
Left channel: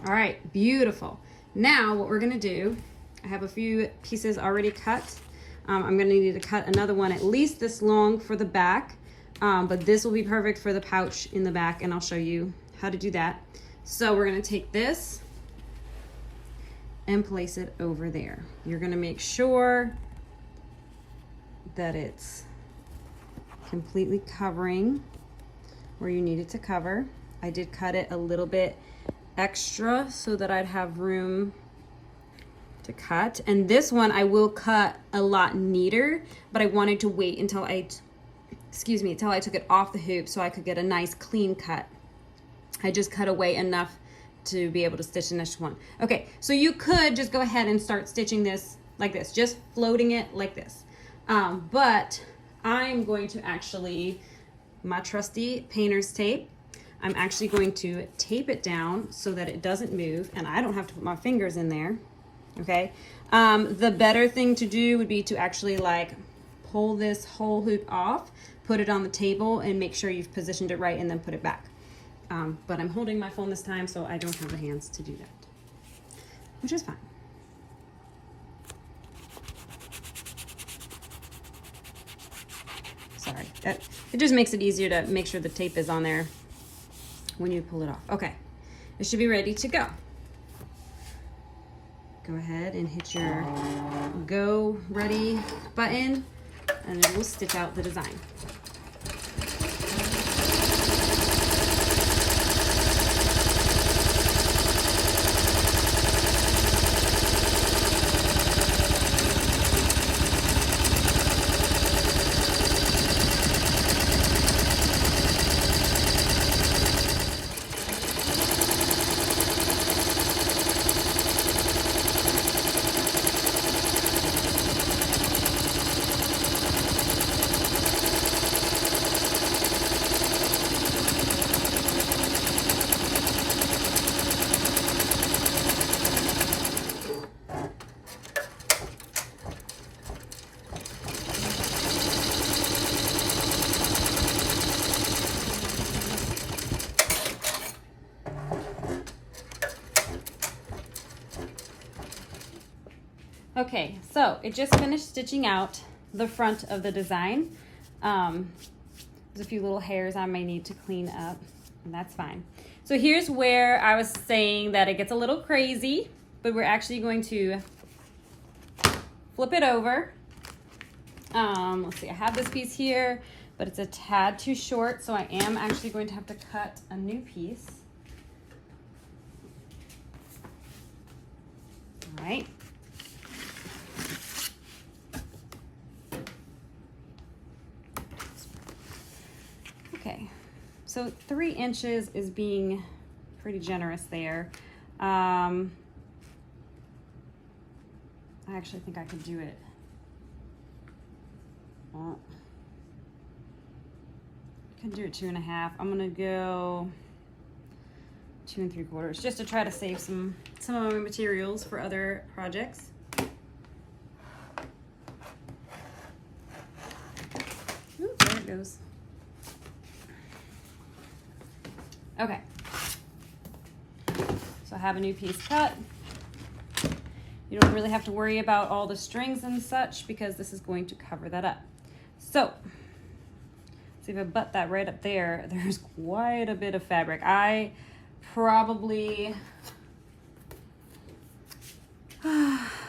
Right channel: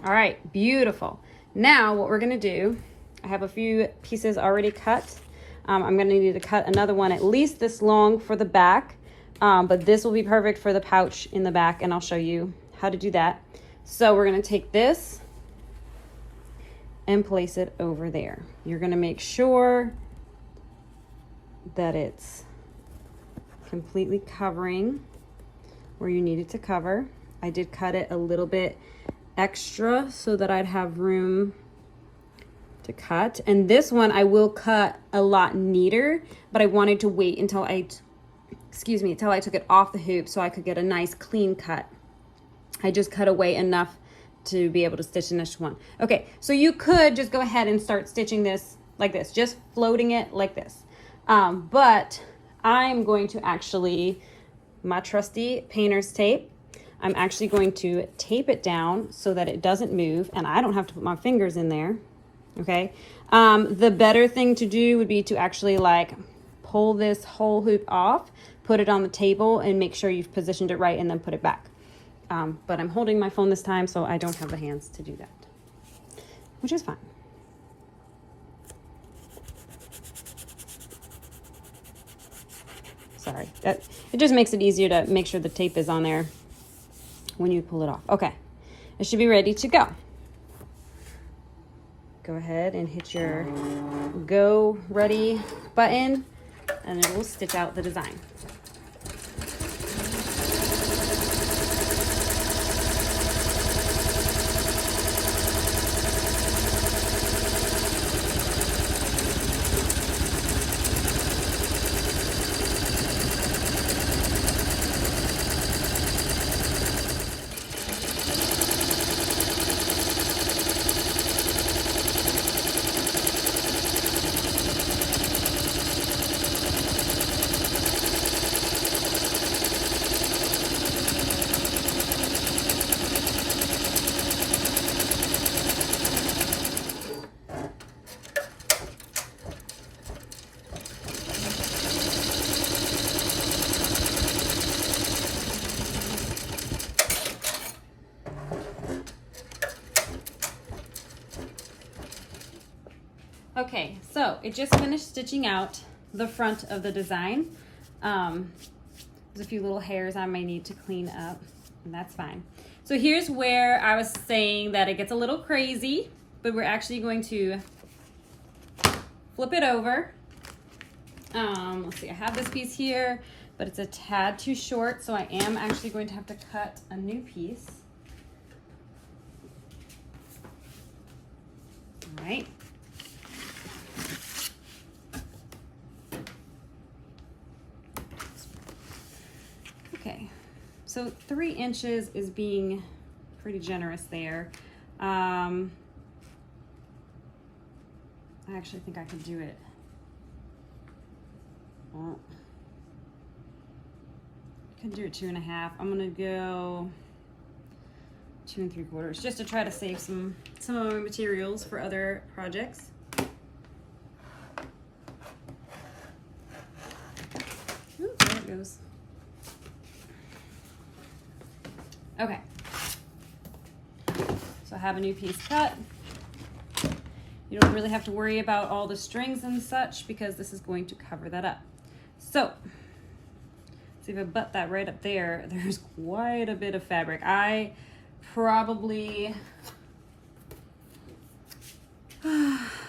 All right, beautiful. Now what we're gonna do, I have a few pieces already cut. I'm gonna need to cut another one at least this long for the back, but this will be perfect for the pouch in the back, and I'll show you how to do that. So we're gonna take this and place it over there. You're gonna make sure that it's completely covering where you need it to cover. I did cut it a little bit extra so that I'd have room to cut. And this one I will cut a lot neater, but I wanted to wait until I took it off the hoop so I could get a nice clean cut. I just cut away enough to be able to stitch the next one. Okay, so you could just go ahead and start stitching this like this, just floating it like this. But I'm going to actually, my trusty painter's tape, I'm actually going to tape it down so that it doesn't move and I don't have to put my fingers in there, okay? The better thing to do would be to actually like pull this whole hoop off, put it on the table and make sure you've positioned it right and then put it back. But I'm holding my phone this time so I don't have the hands to do that, which is fine. Sorry, it just makes it easier to make sure the tape is on there when you pull it off. Okay, it should be ready to go. Go ahead and hit your go ready button and it will stitch out the design. Okay, so it just finished stitching out the front of the design. There's a few little hairs I may need to clean up, and that's fine. So here's where I was saying that it gets a little crazy, but we're actually going to flip it over. Let's see, I have this piece here, but it's a tad too short, so I am actually going to have to cut a new piece. All right. Okay, so 3 inches is being pretty generous there. I actually think I could do it. Well, I could do it 2.5. I'm gonna go 2 3/4 just to try to save some of my materials for other projects. Ooh, there it goes. Okay, so I have a new piece cut. You don't really have to worry about all the strings and such because this is going to cover that up. So, see if I butt that right up there, there's quite a bit of fabric. I probably,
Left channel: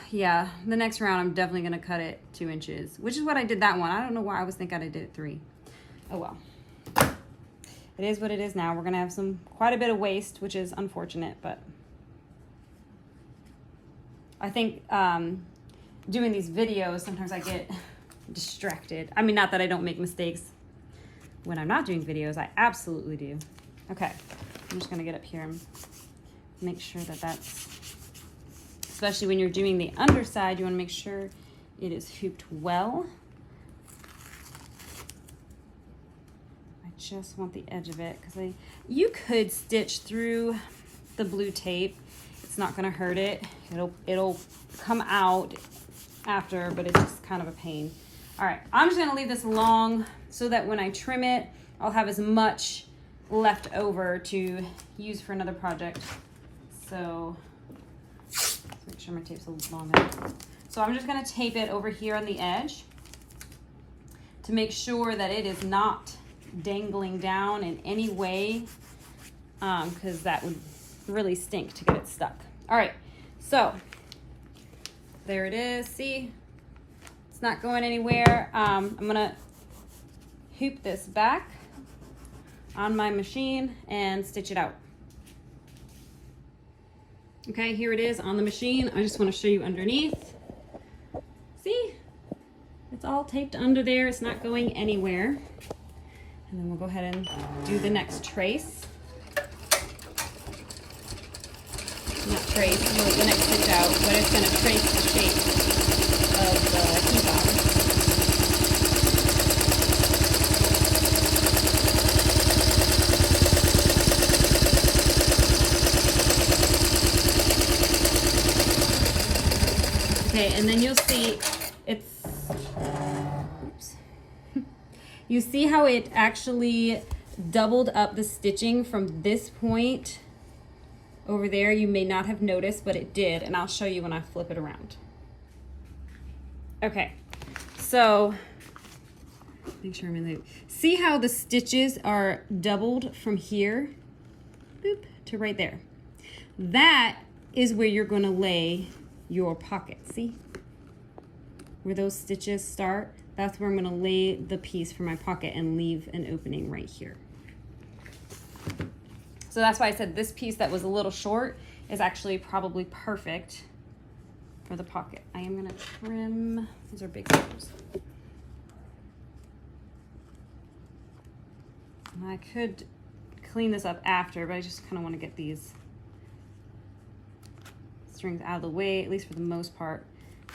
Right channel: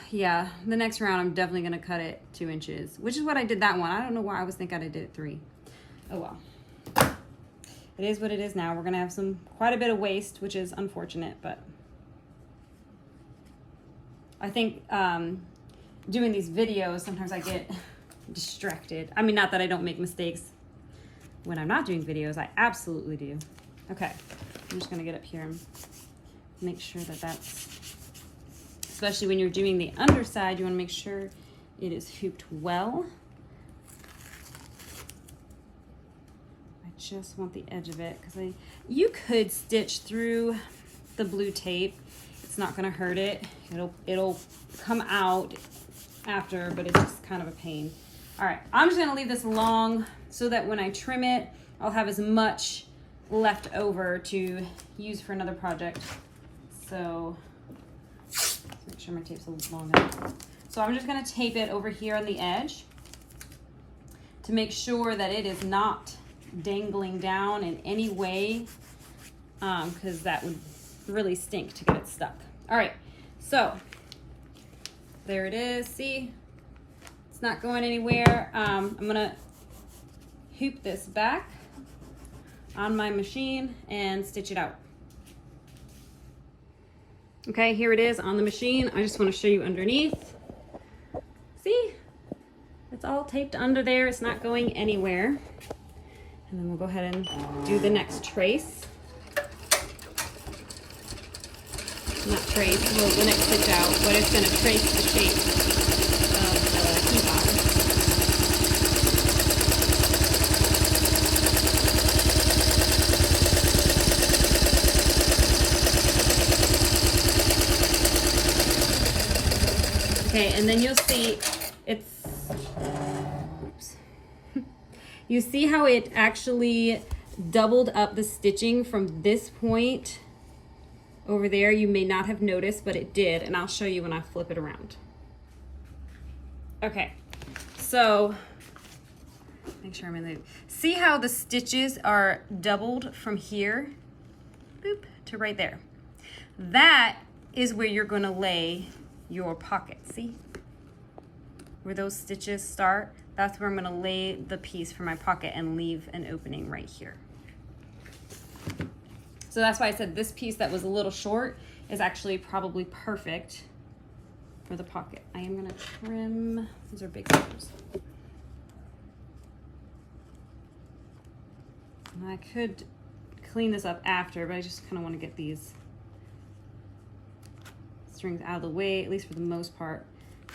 yeah, the next round I'm definitely gonna cut it 2 inches, which is what I did that one. I don't know why I was thinking I did it 3. Oh well. It is what it is now. We're gonna have quite a bit of waste, which is unfortunate, but I think doing these videos, sometimes I get distracted. I mean, not that I don't make mistakes when I'm not doing videos, I absolutely do. Okay, I'm just gonna get up here and make sure that that's, especially when you're doing the underside, you wanna make sure it is hooped well. I just want the edge of it, because you could stitch through the blue tape. It's not gonna hurt it. It'll come out after, but it's just kind of a pain. All right, I'm just gonna leave this long so that when I trim it, I'll have as much left over to use for another project. So let's make sure my tape's long enough. So I'm just gonna tape it over here on the edge to make sure that it is not dangling down in any way, because that would really stink to get it stuck. All right, so there it is. See, it's not going anywhere. I'm gonna hoop this back on my machine and stitch it out. Okay, here it is on the machine. I just want to show you underneath. See, it's all taped under there. It's not going anywhere. And then we'll go ahead and do the next trace. Not trace, well, the next stitch out, but it's going to trace the shape of the key-fob. Okay, and then you'll see it's, oops. You see how it actually doubled up the stitching from this point over there. You may not have noticed, but it did, and I'll show you when I flip it around. Okay, so make sure I'm in the, see how the stitches are doubled from here, boop, to right there. That is where you're gonna lay your pocket. See where those stitches start? That's where I'm gonna lay the piece for my pocket and leave an opening right here. So that's why I said this piece that was a little short is actually probably perfect for the pocket. I am gonna trim, these are big scissors. And I could clean this up after, but I just kind of want to get these strings out of the way, at least for the most part.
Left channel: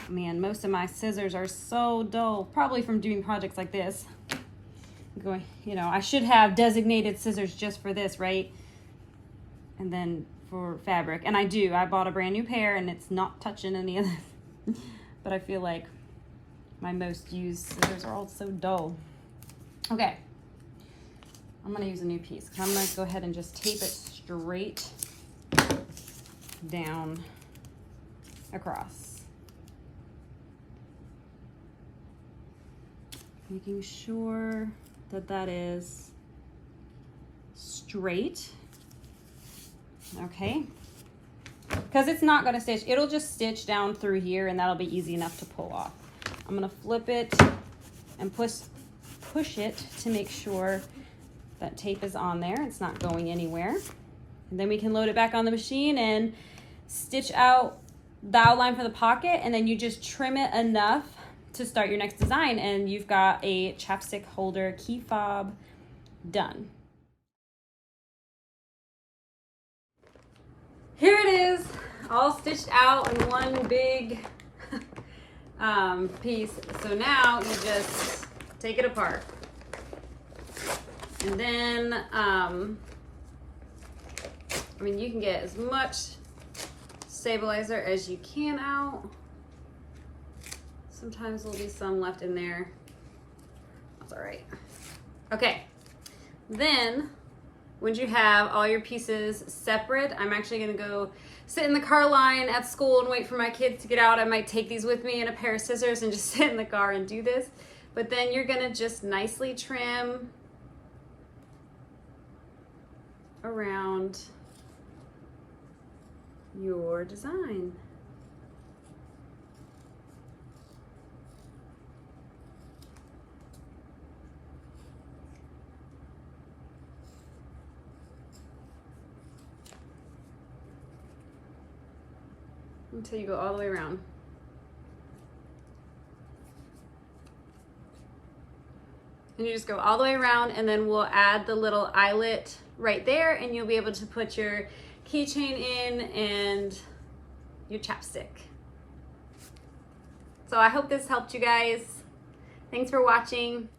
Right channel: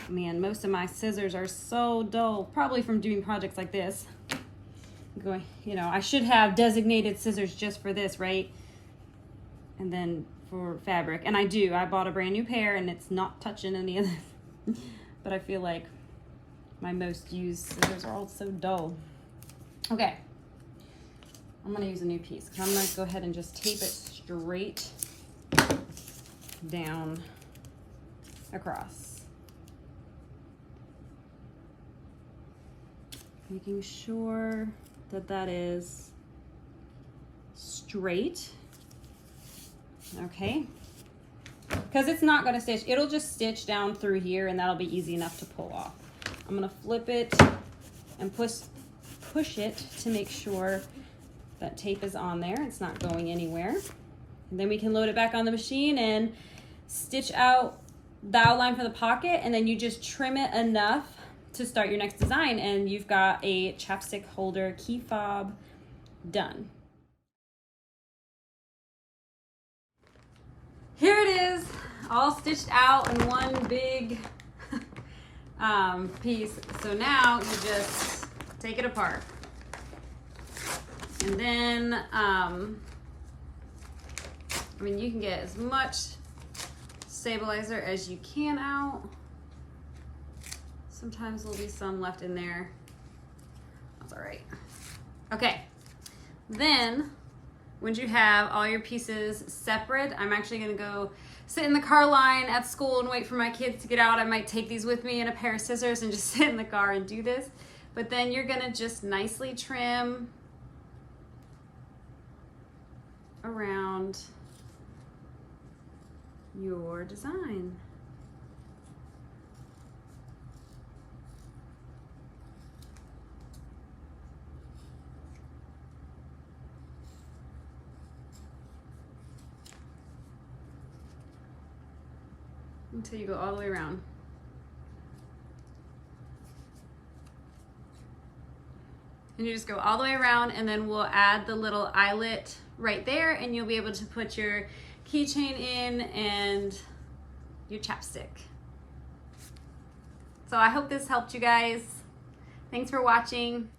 Man, most of my scissors are so dull, probably from doing projects like this. Going, you know, I should have designated scissors just for this, right? And then for fabric, and I do. I bought a brand new pair and it's not touching any of this. But I feel like my most used scissors are all so dull. Okay, I'm gonna use a new piece. I'm gonna go ahead and just tape it straight down across. Making sure that that is straight. Okay, because it's not going to stitch. It'll just stitch down through here and that'll be easy enough to pull off. I'm going to flip it and push it to make sure that tape is on there. It's not going anywhere. And then we can load it back on the machine and stitch out the outline for the pocket, and then you just trim it enough to start your next design, and you've got a chapstick holder key fob done. Here it is, all stitched out in one big piece. So now you just take it apart. And then, I mean, you can get as much stabilizer as you can out. Sometimes there'll be some left in there. That's all right. Okay, then once you have all your pieces separate, I'm actually gonna go sit in the car line at school and wait for my kids to get out. I might take these with me and a pair of scissors and just sit in the car and do this. But then you're gonna just nicely trim around your design. Until you go all the way around. And you just go all the way around, and then we'll add the little eyelet right there, and you'll be able to put your keychain in and your chapstick. So I hope this helped you guys. Thanks for watching.